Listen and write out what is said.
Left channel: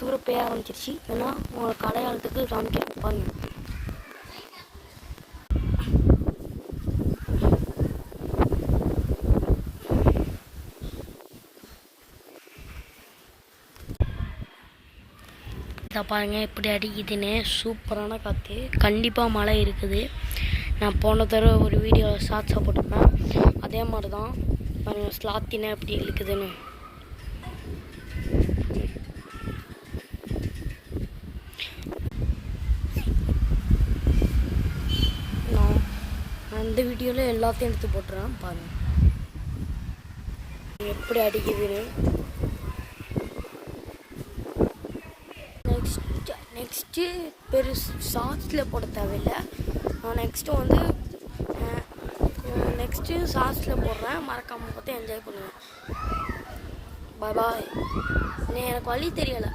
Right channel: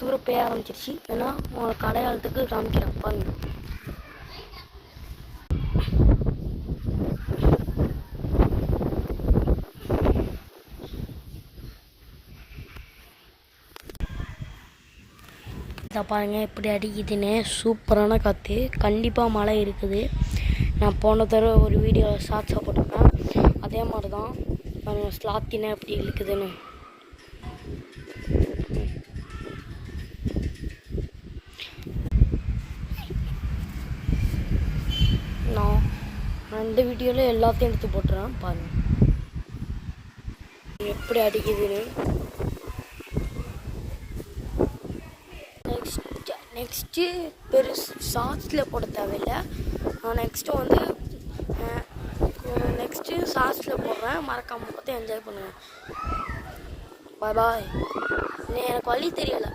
தூர பெய்ய ஆரம்பிச்சிருச்சு. ஏன்னா உங்களுக்கு அடையாளத்துக்கு காமிக்கிறேன் பாருங்க. இதை பாருங்கள் எப்படி அடிக்குதுன்னு. சூப்பரான காற்று. கண்டிப்பாக மழை இருக்குது. நான் போன தடவை ஒரு வீடியோ ஷார்ட்ஸாக போட்டிருப்பேன். அதே மாதிரி தான் பாருங்கள் ஸ்லாத்தினா எப்படி இழுக்குதுன்னு. நான் இந்த வீடியோவில் எல்லாத்தையும் எடுத்து போட்டுறேன் பாருங்கள் எப்படி அடிக்குதுன்னு. நெக்ஸ்ட்டு சாஸில் போட தேவையில்லை. நான் நெக்ஸ்ட்டு சாஸில் போடுறேன். மறக்காமல் பார்த்து என்ஜாய் பண்ணுவேன். பாய் பாய். எனக்கு வழி தெரியலை.